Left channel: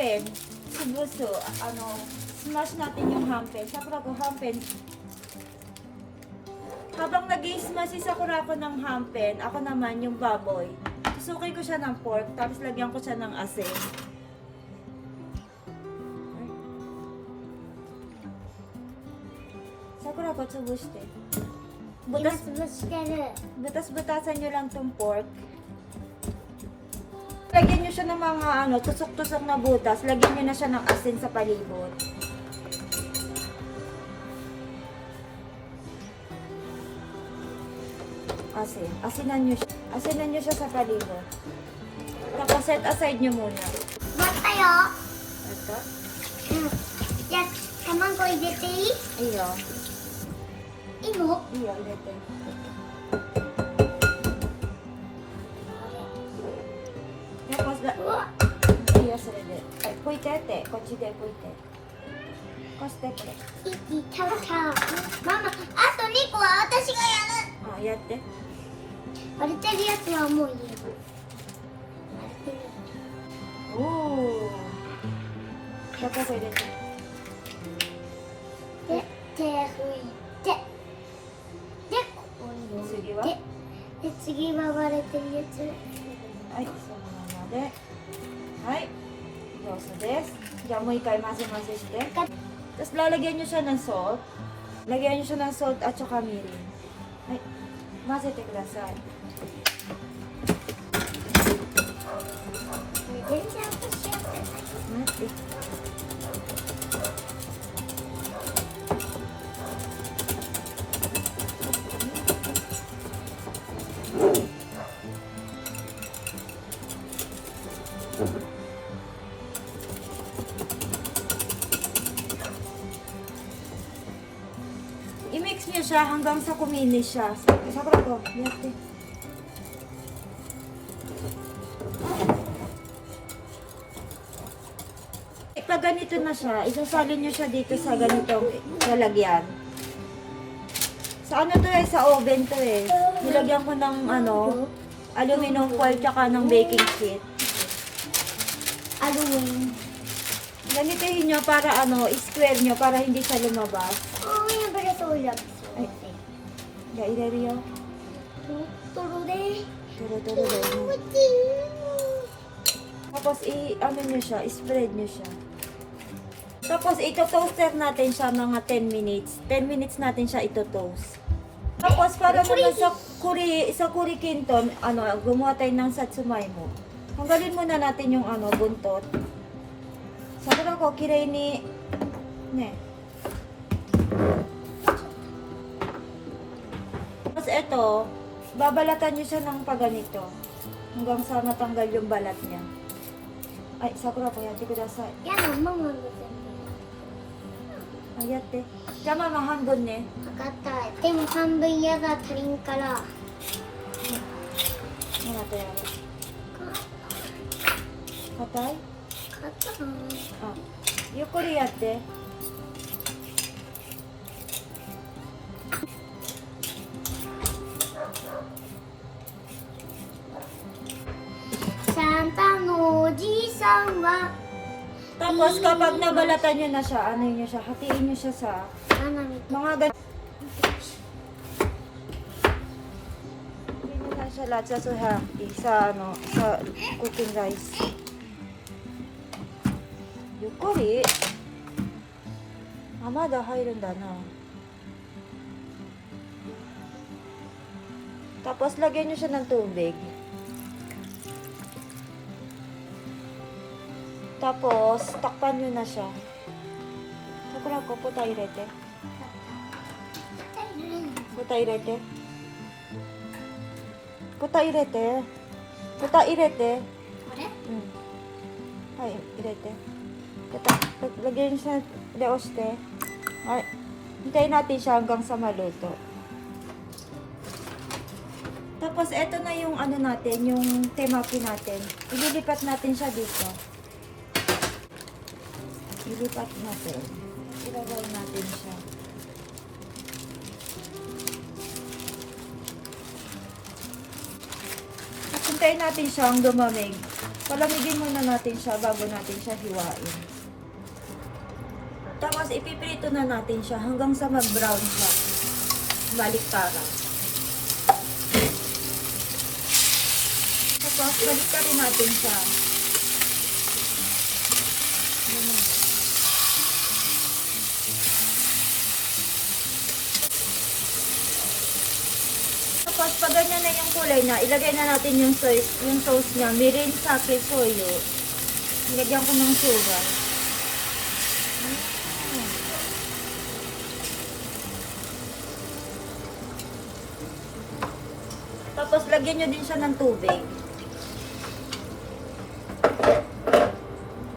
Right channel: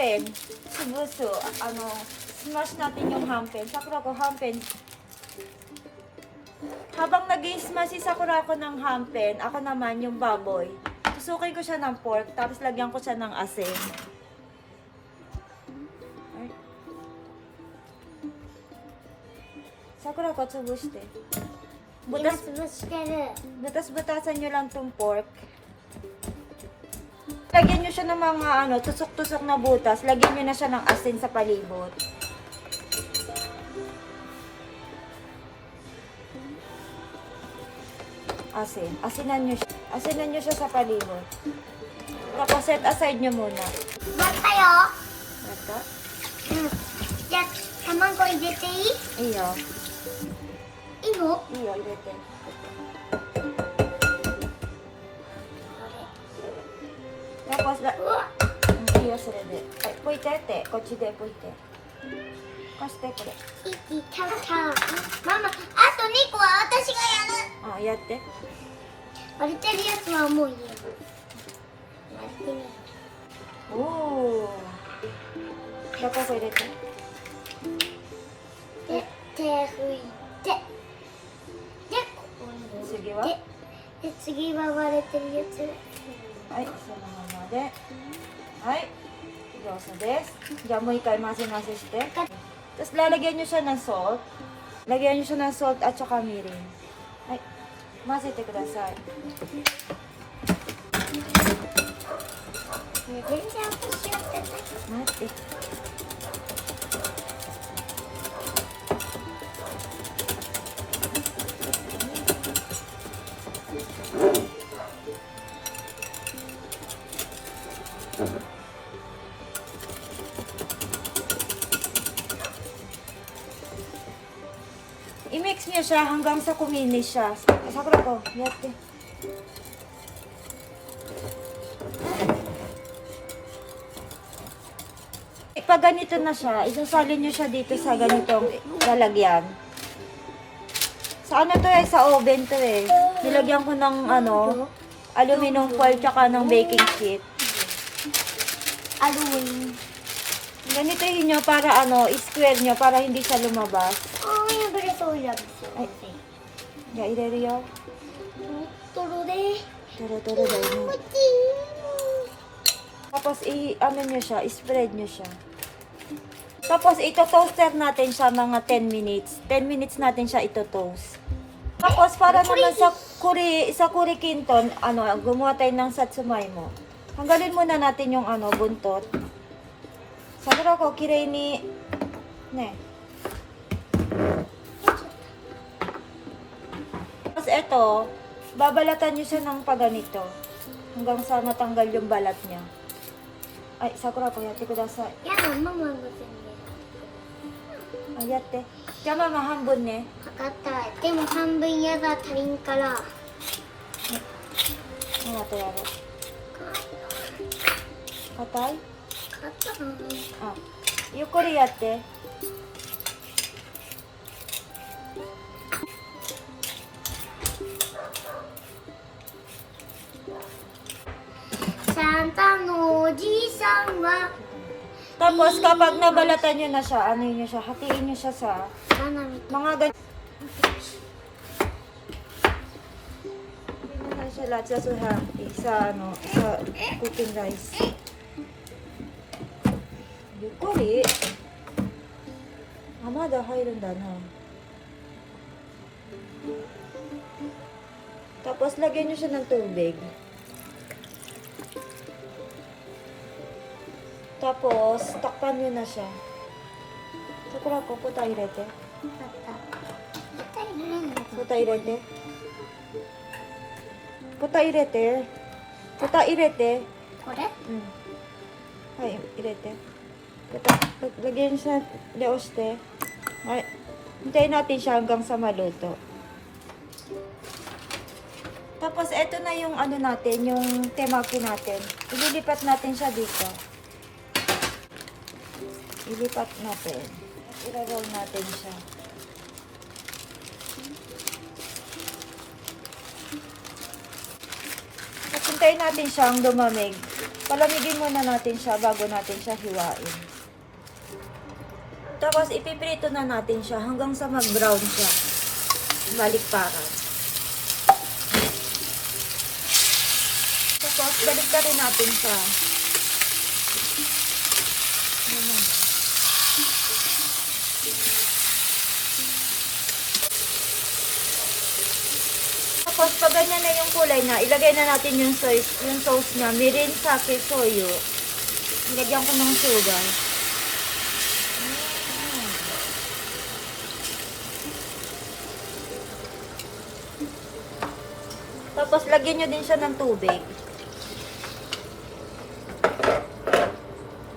hampen. Subuso. Smash natin yung hampen. Sakura ko hampen. Habang nag-i-smash si Sakura ko ng hampen, ako naman yung baboy. Susukin ko siya ng pork, tapos lagyan ko siya ng asin. Sakura ko, tsubushite. Butas-butasan nyo lang tong pork. Lagyan nyo siya ng mga tusok-tusok na butas. Lagyan nyo na siya ng asin sa palibot. Asin. Asinan nyo siya sa palibot. Tapos set aside nyo muna. 待ったよ。じゃあ卵入れていい？いいよ。いいの？いいよ、入れて。Tapos, うわ。いいよ、それで。拭いてって、こっちで拭いて。こうして、これ。いいたた。ママ、あと2個は私がやる。やって。割れてるやつはもう入れる。やってみる。おお。Tapos, 入れて。で、手拭いて。で、ここに次は入れて。で、次は割れてるやつ。はい、そのままで。はい。上手です。じゃあもう一回混ぜ混ぜして。Tapos lalagyan nyo siya ng salt. Lagyan nyo siya ng salt at saka mirin. Ay, 混ぜてください。全然私やってない。待って。I-mix niya siya hanggang sa kuminis siya. Sakura ko, yate. Pag ganito na siya, isasalin niyo siya dito sa ganitong lalagyan. Sa ano to sa oven to Nilagyan ko ng aluminum foil tsaka ng baking sheet. Aluminum. Ganitohin niyo para square niyo para hindi siya lumabas.破れそうになってはい。じゃあ入れるよ。トロトロで。トロトロだよね。Tapos niyo siya, spread niyo siya. Tapos ito-toaster natin siya mga 10 minutes. 10 minutes natin siya ito-toast. Tapos para naman sa kurikinton, gumawa tayo ng satsumay mo. Hanggalin muna natin yung buntot. Sakura ko, kirei ni Tapos ito, babalatan nyo siya ng paganito. Hanggang sa matanggal yung balat niya. Ay, Sakura ko, yate kudasai. やだ、ママの全部。 Ay, yate. Kaya mama, hanbon ne. 測ったい。でも半分やだ、足りんから。 Ano na to yaro? Patay? 測ったな。 Ah. Yukuri yate. Santa no oじいさんは Tapos kapag nabalatan nyo na siya, nyo siya, hatiin nyo siya sa 花見 mga ganyan. Hindi nyo na siya lahat sa suhati, sa cooking rice. Yukuri. Amada hairun da na. Tapos lagyan nyo siya ng tubig. Tapos, takpan nyo na siya. Sakura ko, puta irete. Puta irete. Puta irete. Puta irete. これ Hai, irete. Lagyan nyo sa leoste. Ay, hintayin natin siya hanggang sa maluto. Tapos, eto na yung natin, yung temaki natin. Ililipat natin siya dito. Ilipat natin. Ilagaw natin siya. At hintayin natin siyang lumamig. Palamigin muna natin siya bago natin siya hiwain. Tapos ipiprito na natin siya hanggang sa mag-brown siya. Baliktaran. Tapos baliktarin natin siya. Ayan. Tapos pag ganyan na yung kulay na, ilagay na natin yung sauce niya. Mirin, sake, soyo. Ilagyan ko ng sugar. Tapos lagyan nyo din siya ng tubig.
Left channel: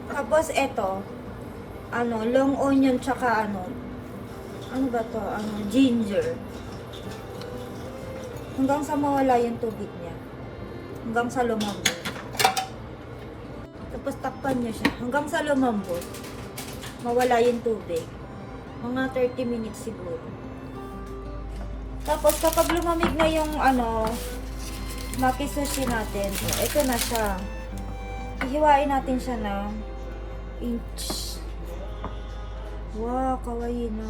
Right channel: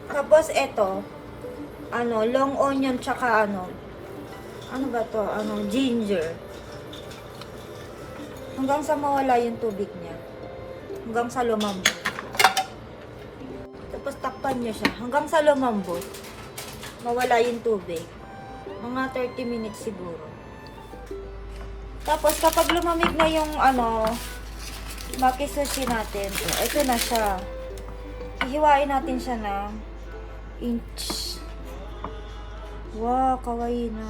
Tapos eto, long onion tsaka ano ba to? Ginger. Hanggang sa mawala yung tubig niya. Hanggang sa lumambot. Tapos takpan niyo siya. Hanggang sa lumambot. Mawala yung tubig. Mga 30 minutes siguro. Tapos kapag lumamig na yung maki-sushi natin, ito na siya. Ihiwain natin siya ng inch. Wow, kawaii na.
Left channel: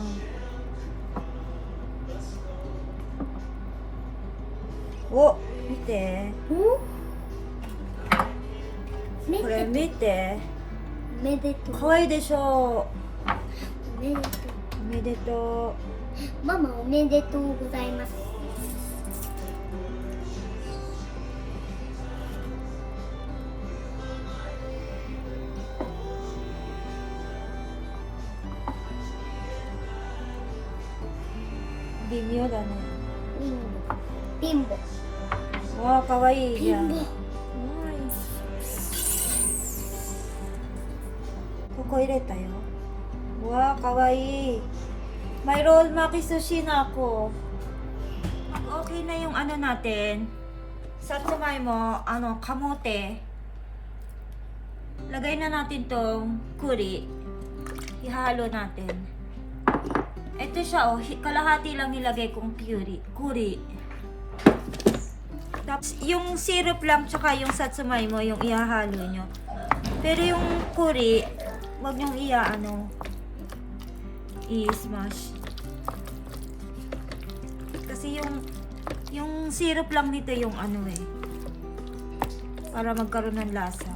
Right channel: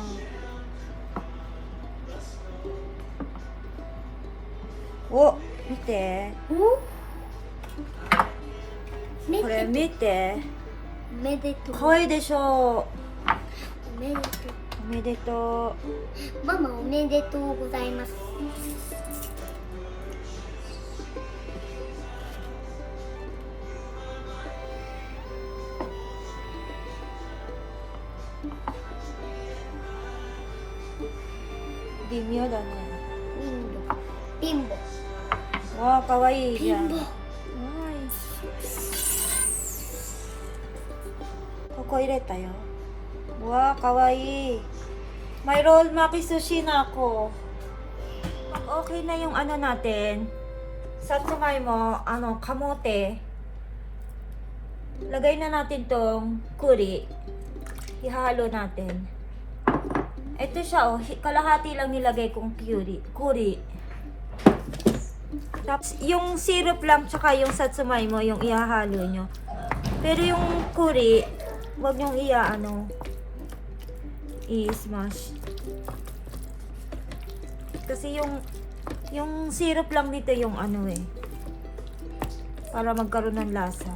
Oh, mite. Koれ見て。おめでとう。可愛いでしょおめでとう。おめでとう。ママおめでとうございます。う。微妙だね。ピンボ。わあ、かわいいじゃん。ピンボ。ここ入れたよ。わあ、かわいい。May roll maki sushi na ako. Pag okay na yung natin, satsumay mo, kamote. Lagay na natin tong kuri. Ihalo natin. Ito siya, kalahati lang nilagay kong kuri. Tapos, yung syrup lang tsaka yung satsumay mo, yung ihahalo nyo. Pero yung kuri, wag nyong i-smash. Kasi yung syrup lang nito yung para magkaroon ng lasa.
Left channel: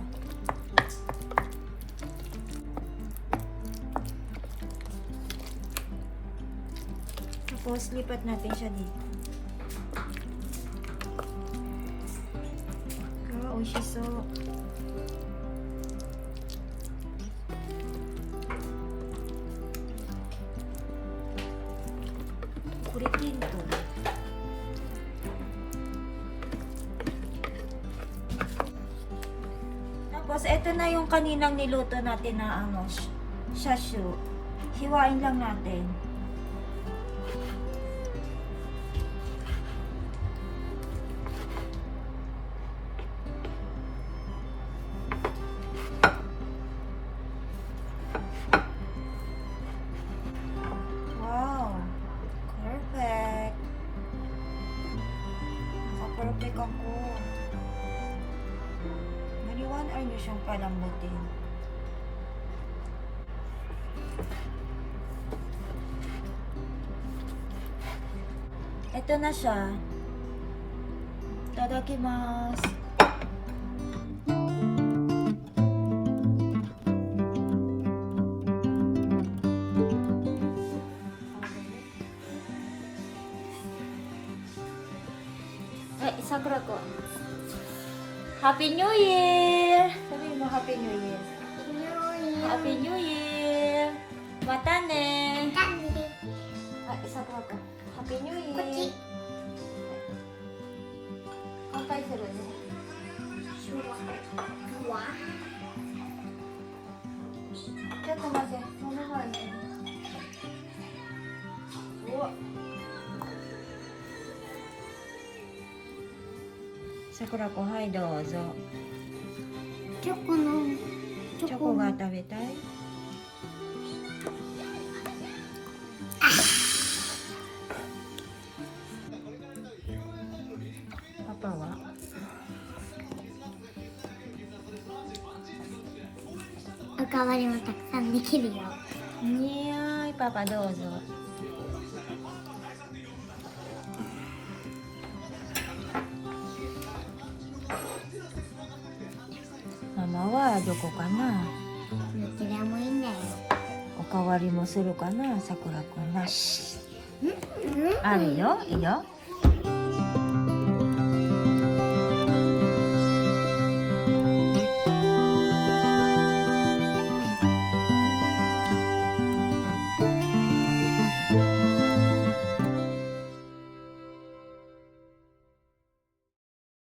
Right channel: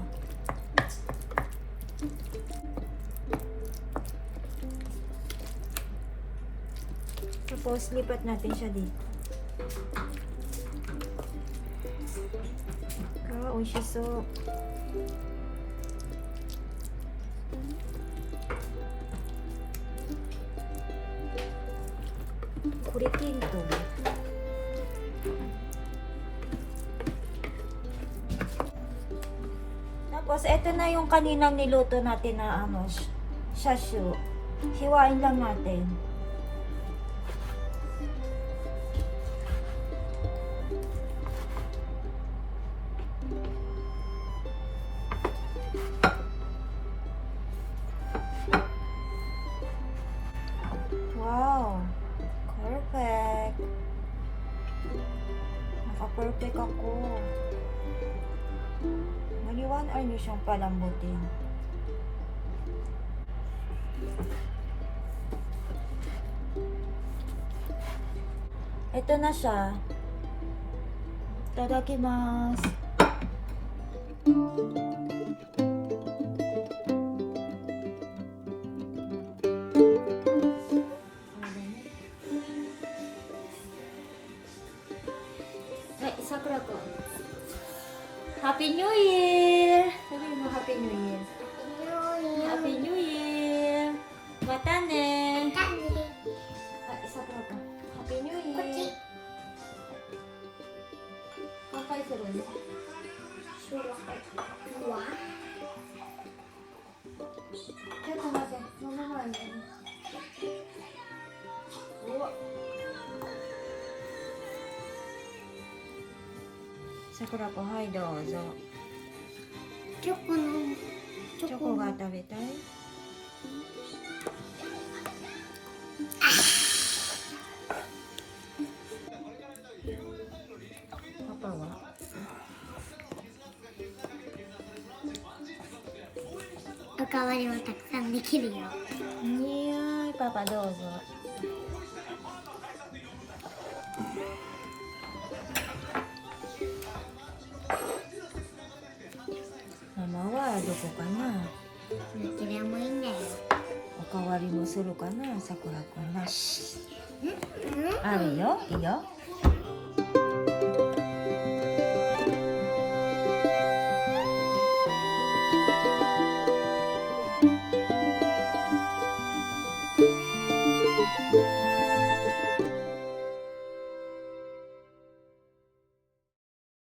Tapos, lipat natin siya dito. Oishiso. Kuritin to. Tapos, eto na yung kaninang niluto natin na shashu. Hiwain lang natin. Wow! Perfect! Naka-perfect ako. Mani 1 hour nyo siyang palambutin. Ito na siya. Itadakimasu. Sakura ko. Happy New Year! Sabi mo Happy New Year. Happy New Year! Mata ne! Sakura ko. Happy New Year! こっち。乾杯するね。シュワ。ちょっと待って、その前に。うわ。桜子、はい、どうぞ。チョコの。チョコが食べたい？パパは？代わりもたくさんできるよ。いやーい、パパどうぞ。ママはどこかな。どちらもいいんだよ。おかわりもするかな、さくらくんなし。あるよ、いいよ。